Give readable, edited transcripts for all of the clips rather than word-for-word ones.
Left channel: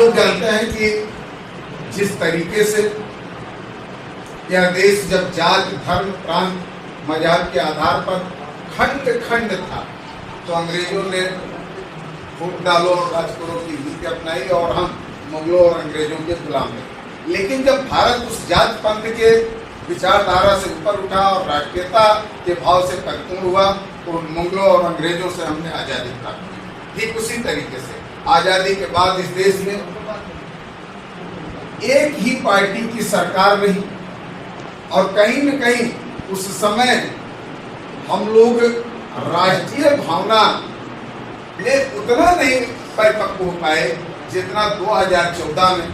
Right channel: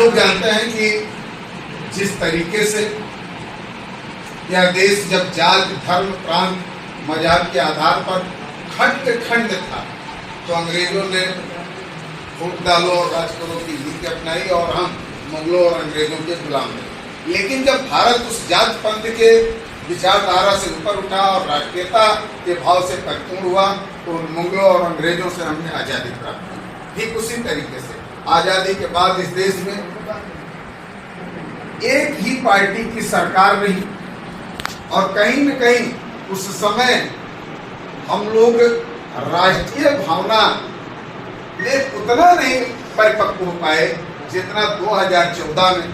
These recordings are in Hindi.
लोग जानते हैं कि जिस तरीके से यह देश जब जात धर्म प्रांत मजहब के आधार पर खंड खंड था तो अंग्रेजों ने फूट डालो और राज करो की नीति अपनाई और हम मुगलों और अंग्रेजों के गुलाम रहे। लेकिन जब भारत उस जात पंथ के विचारधारा से ऊपर उठा और राष्ट्रीयता के भाव से परिपूर्ण हुआ तो उन मुगलों और अंग्रेजों से हमने आजादी प्राप्त की। ठीक उसी तरीके से आजादी के बाद इस देश में एक ही पार्टी की सरकार रही और कहीं न कहीं उस समय हम लोग राष्ट्रीय भावना में उतना नहीं परिपक्व हो पाए जितना 2014 में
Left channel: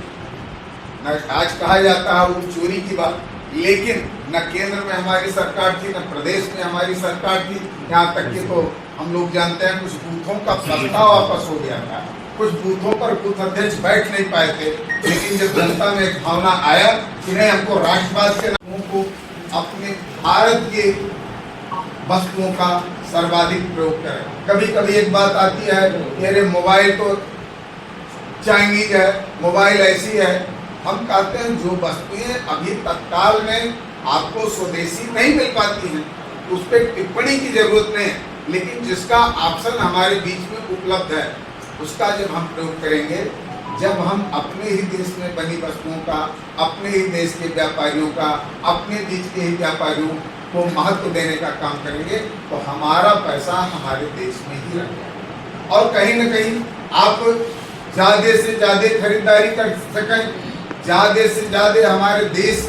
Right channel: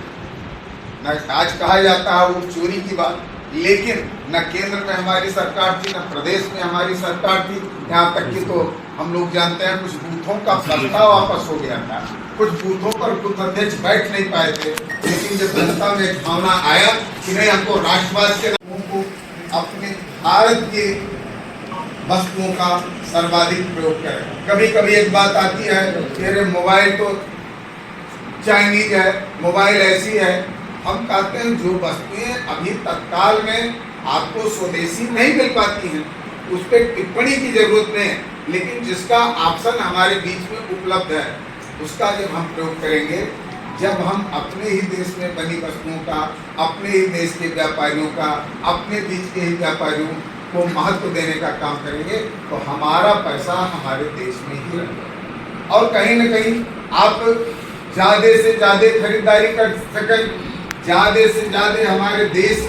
न आज कहा जाता है वो चोरी की बात, लेकिन न केंद्र में हमारी सरकार थी न प्रदेश में हमारी सरकार थी। यहाँ तक कि तो हम लोग जानते हैं कुछ बूथों का प्रस्ताव वापस हो गया था, कुछ बूथों पर कुछ अध्यक्ष बैठ नहीं पाए थे। लेकिन जब जनता में एक भावना आया कि नहीं हमको राष्ट्रवाद के लोगों को अपने भारत के वस्तुओं का सर्वाधिक प्रयोग करें। कभी कभी एक बात आती है मेरे मोबाइल तो चाइनीज है, मोबाइल ऐसी है। हम कहते हैं जो वस्तुएं अभी तत्काल में आपको स्वदेशी नहीं मिल पाती हैं उस पर टिप्पणी की जरूरत नहीं है, लेकिन जिसका ऑप्शन हमारे बीच में उपलब्ध है उसका जब हम प्रयोग करेंगे, जब हम अपने ही देश में बनी वस्तुओं का, अपने ही देश के व्यापारियों का, अपने बीच के ही व्यापारियों को महत्व देने का काम करेंगे तो हमारा पैसा हमारे देश में ही रहेगा और कहीं न कहीं आप ज्यादा से ज्यादा खरीदारी कर सकें, ज्यादा से ज्यादा हमारे देश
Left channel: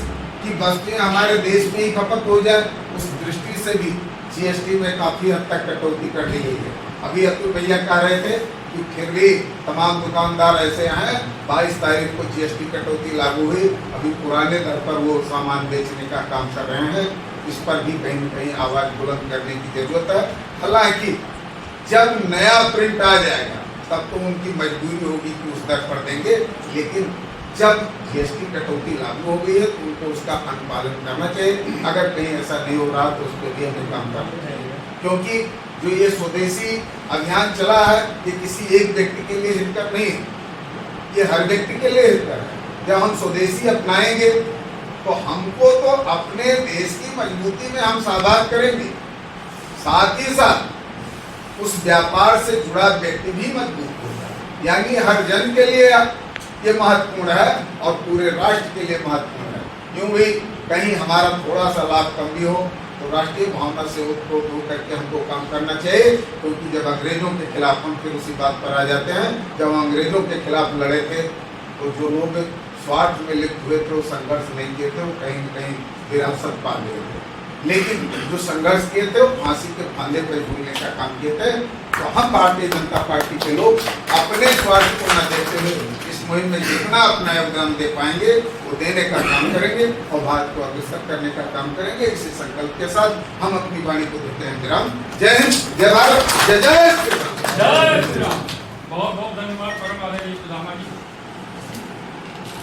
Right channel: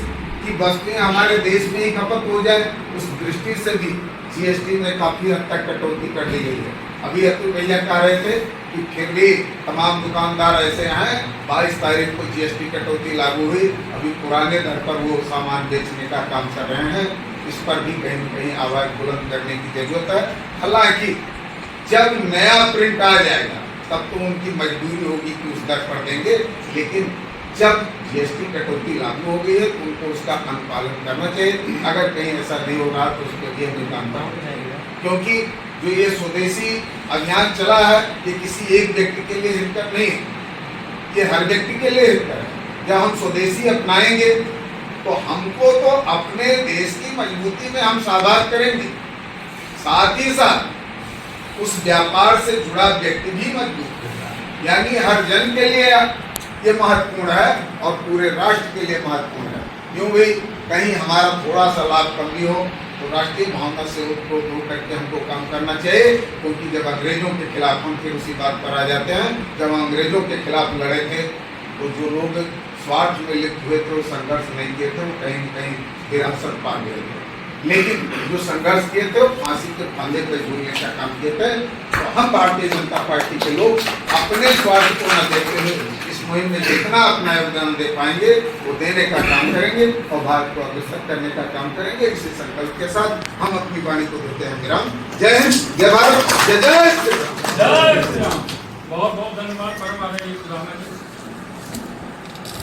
की वस्तुएं हमारे देश में ही खपत हो जाए। उस दृष्टि से भी जीएसटी में काफी हद तक कटौती कर दी गई है। अभी अतुल भैया कह रहे थे कि फिर भी तमाम दुकानदार ऐसे हैं 22 तारीख को जीएसटी कटौती लागू हुई, अभी पुराने दर पर वो सामान बेचने का काम कर रहे हैं। इस पर भी कहीं न कहीं आवाज बुलंद करने की जरूरत है। हालांकि जब नया प्रिंट आ जाएगा तब तो उनकी मजबूरी होगी कि उस दर पर देंगे, लेकिन जब जीएसटी कटौती लागू हो गई है तो उनको उसका अनुपालन करना चाहिए। अगर कहीं ऐसा नहीं हो रहा तो उसके लिए हमें काम करना चाहिए, क्योंकि जो ये स्वदेशी अभियान चला है ये किसी एक व्यक्ति के लिए हितकर नहीं, ये हर व्यक्ति के लिए हितकर है। जब हम स्वदेशी अपनाएंगे तो हमको तो अपने देश की मजबूती में हम साझा करेंगे, साथ ही साथ उस व्यापार से जुड़ा व्यक्ति भी मजबूत होगा। यानी हर जन के लिए ये महत्वपूर्ण है और पूरे राष्ट्र के लिए महत्वपूर्ण है। क्यों भाई कहीं हमारा थोड़ा सा लाभ कम भी हो तो राष्ट्रीय भावना से उसको दूर करके हमको काम करना चाहिए, क्योंकि जब अंग्रेजों के खिलाफ हम फिर उसी बात पर आ जाते हैं, जब अंग्रेजों के खिलाफ लड़े थे तो जो लोग स्वार्थ में लिप्त हुए थे वो संघर्ष नहीं किए थे, कहीं न कहीं विरासत पा गए थे। लेकिन जो संघर्ष किए थे वो फांसी के फंदे पर झूलने का काम किए थे। तो हम भारतीय जनता पार्टी के लोग अपने स्वार्थ को न देखते हुए इस मुहिम में जितना अपना योगदान दे पाएंगे वो देने का काम करेंगे और भारत को अग्रसर करने का काम करेंगे। इसी संकल्प के साथ हम अपनी वाणी को देते हैं विराम। जय हिंद, जय भारत, जय जय श्री राम। जय श्री राम। बहुत बहुत धन्यवाद परम आदरणीय जी।